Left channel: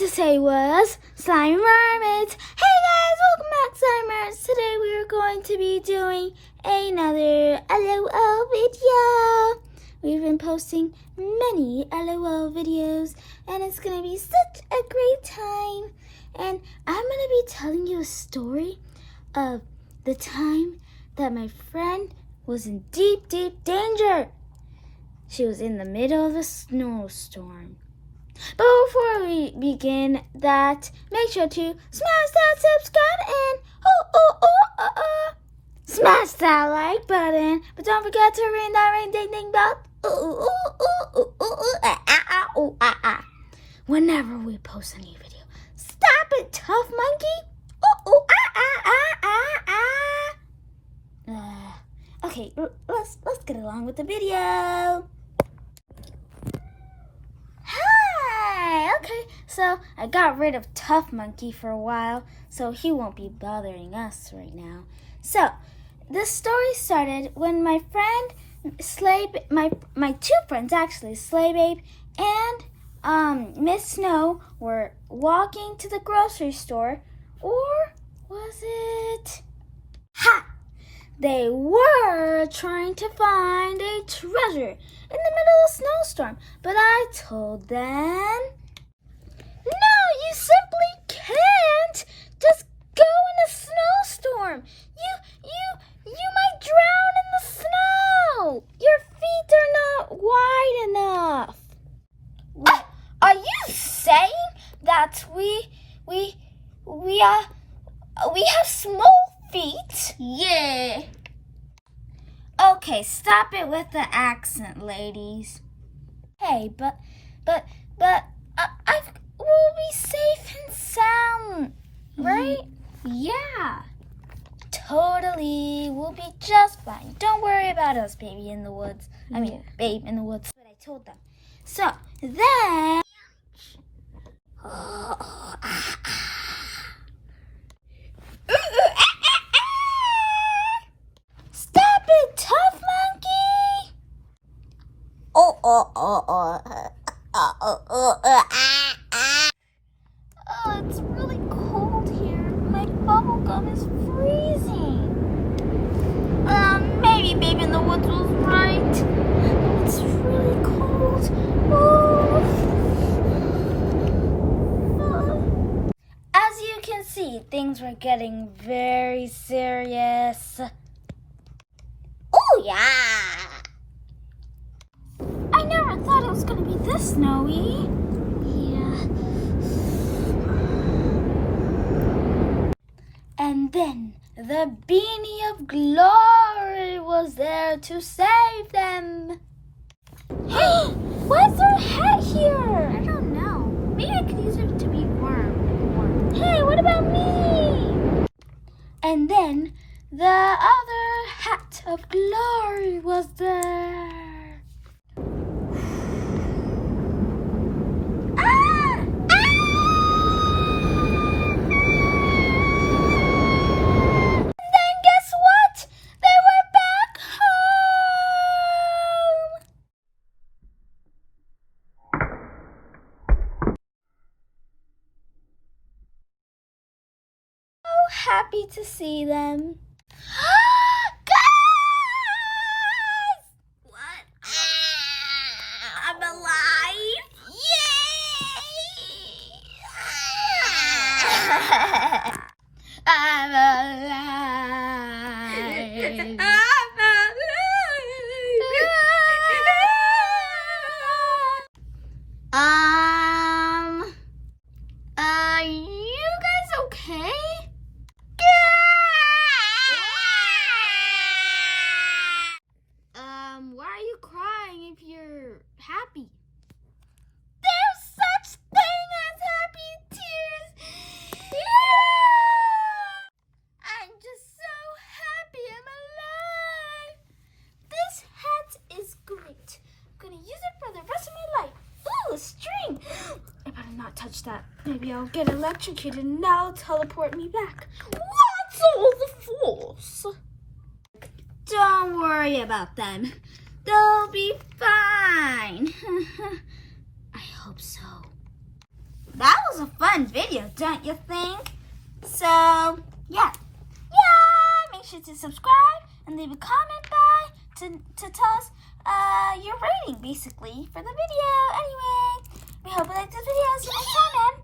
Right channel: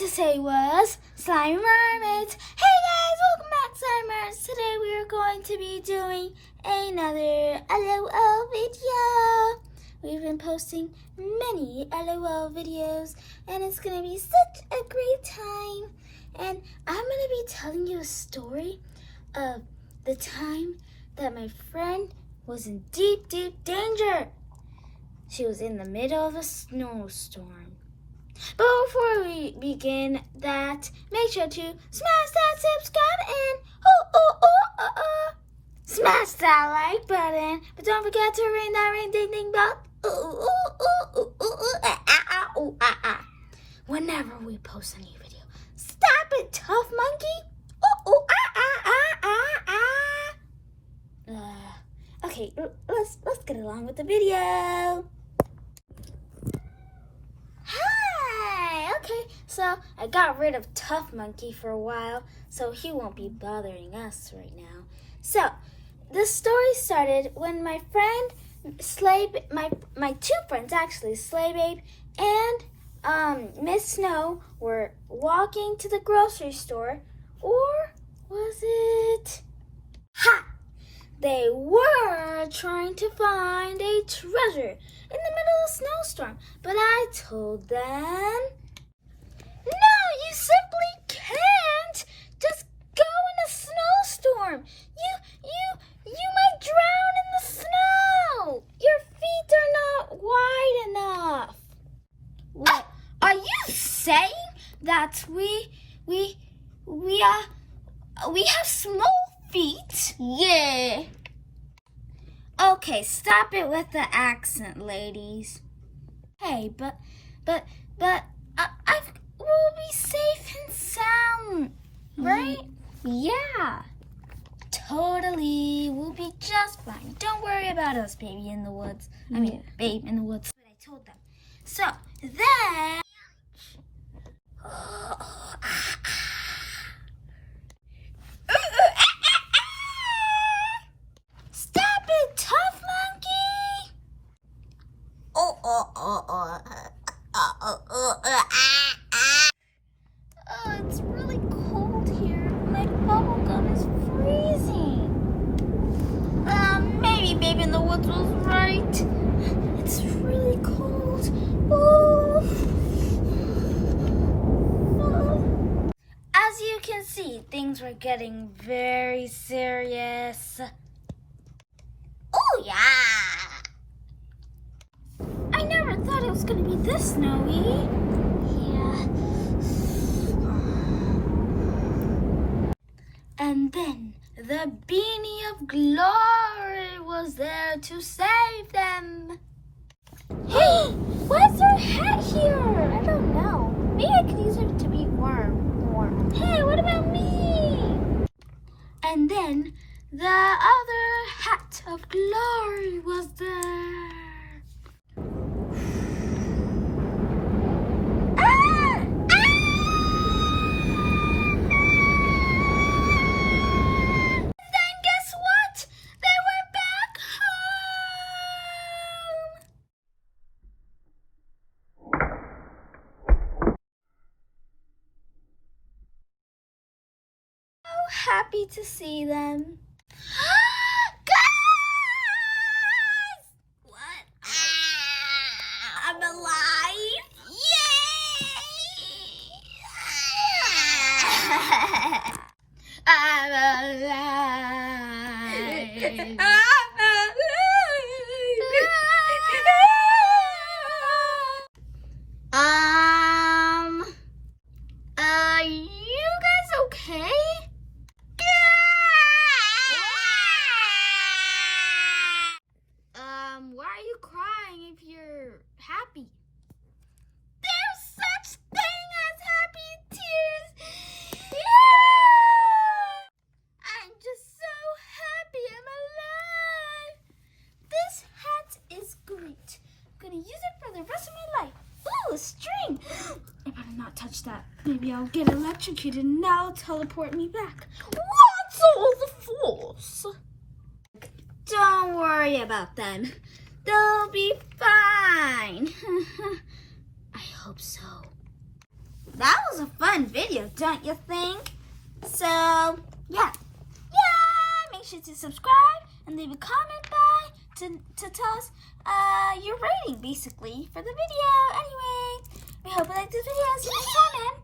to say was Slime Mermaids. Hey guys, welcome back, Slime Mermaids. Today we're going to be doing another LOL video. We've been posting many LOL videos and it's going to be such a great time. And I'm going to be telling you a story of the time that my friend was in deep, deep danger. She was in the middle of a snowstorm. But before we begin that, make sure to smash that subscribe and smash that like button. But don't forget to ring that ding ding bell. Whenever we post a new video. Stop it, tough monkey. Okay, let's get along with the video. So I got rid of Tough Monkey for a while, so he won't be bothering us right now. So this story started when my friend my two friends actually, Slay Babe and Miss Snow, were walking to the grocery store, or was it? Ha! They were trying to find a treasure in the middle of a snowstorm, but I told them, no, you simply can't just go in a snowstorm. You might drown in the snow. Your feet are not wide enough. What? Are you saying that we have small feet? Yeah. Okay, stop it with the accent, ladies. Hey, but we'll be safe and sound, right? Yeah. Totally. We'll be just fine. Don't worry about us, baby in the woods. I mean, babe in the woods. But I told them. So, then... Stop it, Tough Monkey! Oh, it's really cold here. My bubble gum is freezing. Maybe Babe in the Woods was right. It's really cold. As you can see, things were getting very serious. Oh, yeah. I never thought it was going to be this snowy. Yeah. And then the Beanie of Glory was there to save them. Hey, why's there a hat here? I don't know. Maybe I could use it to be warm. Hey, what about me? And then the other hat of glory was there. Happy to see them. Guys! What? I'm alive! Yay! I'm alive! Are you guys okay? Why are you crying if you're happy? There's such thing as happy tears. Yeah! I'm just so happy I'm alive. This hat is great. I'm gonna use it for the rest of my life. Ooh, a string. I better not touch that. Maybe I'll get electrocuted and that'll teleport me back. What's all the force? Don't worry about them. They'll be fine. I hope so. that was a fun video, don't you think? So, yeah, make sure to subscribe and leave a comment to tell us your rating, basically, for the video. Anyway, we hope you liked this video. See you next time, man.